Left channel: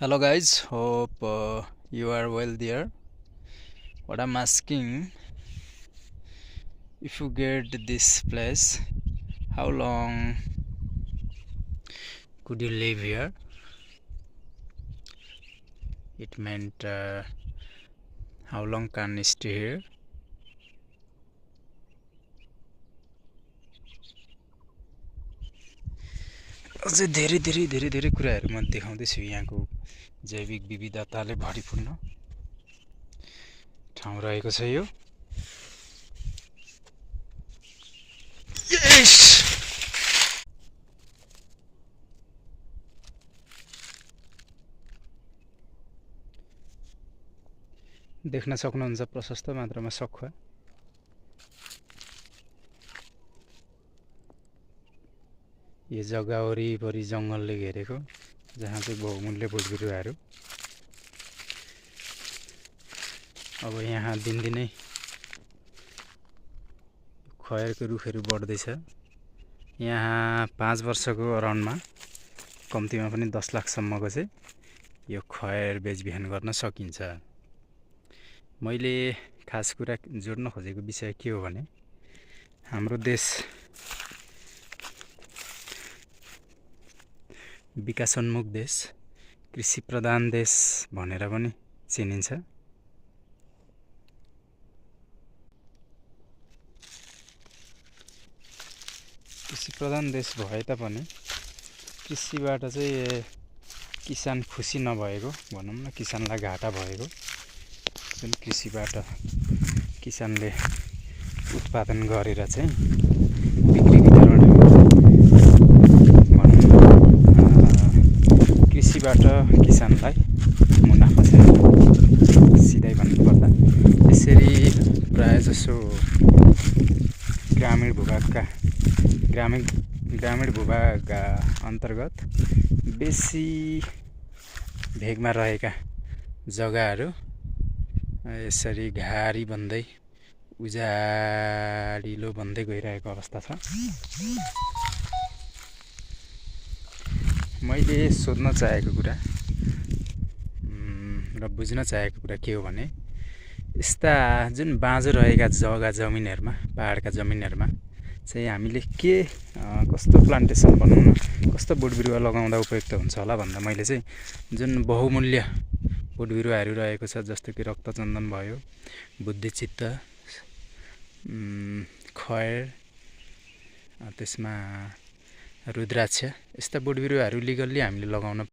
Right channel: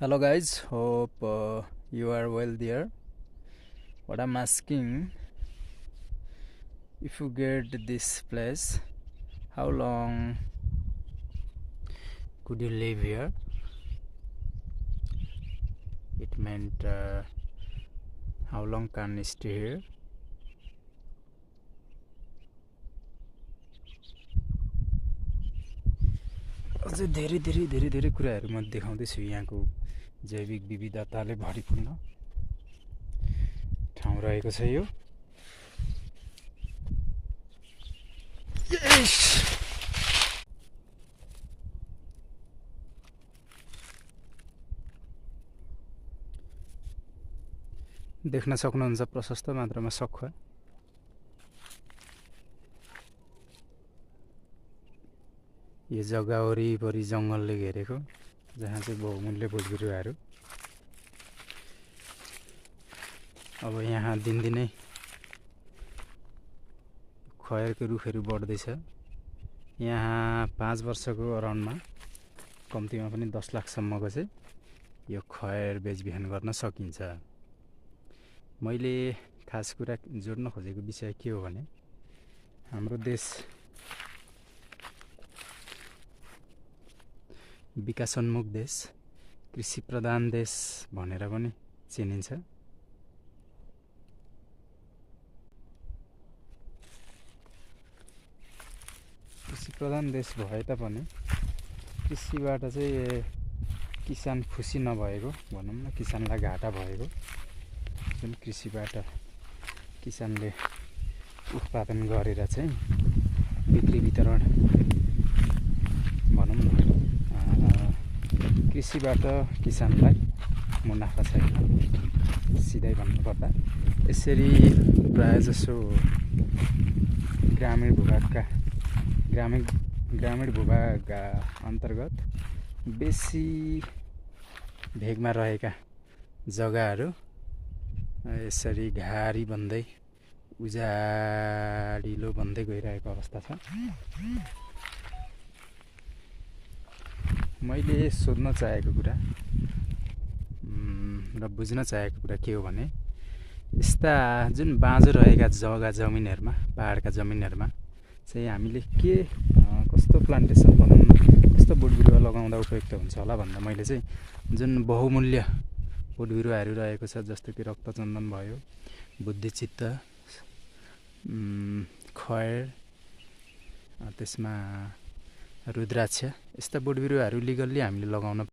Hello guys, hope you are well there. What I'm asking, if you get this place, how long could you live here? It meant how long can you stay here? अझै धेरै धेरै धेरै धेरै कुराहरू म देखाउँदैछु। यहाँको जैविक विविधताले भरिपूर्ण ठाउँ रहेको छ यो। देख्न सक्नुहुन्छ प्रशस्त मात्रामा सखुवा। यो जग्गा वरिपरि जङ्गलले घेरेको, जहाँ चाहिँ बहुमूल्य बोटबिरुवाहरू। अब यहाँ दिनदिनै खयरको रुखहरू बढ्दैछ। यहाँ 5 वर्षको अराउन्डमा कम्तीमा पनि 10 लाखसम्मको चाहिँ यो खयर बेचबिखन गर्न सकिन्छ। मैले खास कुरा जोड्न खोजेको विषय के हो भने, हाम्रो देश विकासोन्मुख देश, कृषि प्रधान देश भनेर पनि चिनिन्छ। कृषि प्रधान देश भए तापनि कृषिबाट चाहिँ किसान खुसी नभएको भनौँ न, किसानलाई घाटा भएको। जुन कृषिबाट किसानले उत्पादन गरेर चाहिँ बिक्री वितरण भनौँ न, कृषिबाट किसानलाई मुनाफा छैन, सिधै भन्नुपर्दा। यसरी प्रायःजसो ग्रामीण भूभाग अन्तर्गत बेसी भेगमा रहेका जग्गाहरू यसरी घारी बन्दै उजाडिलो बन्दै गइरहेको अवस्था छ। मैले सोध्न चाहेको कुरा र बुझ्न चाहेको कुरा के हो भने, यस्ता जुन बाँझो रहेका जमिनहरूमा, पहाडका जमिनहरूमा चाहिँ हामीले कस्तो प्लान्टेसन भनौँ न, कस्तो बोटबिरुवा लगाउँदा उपयुक्त हुन्छ होला भन्दा, मैले चाहिँ जुन बहुमूल्य बोटबिरुवाहरू रहेको छ, जस्तो कि रक्तचन्दन भयो, बुद्धिचित्त, खयर, त्यसमा रुद्राक्ष, यस्ता बोटबिरुवाहरू लिगल्ली हामीले लगाउन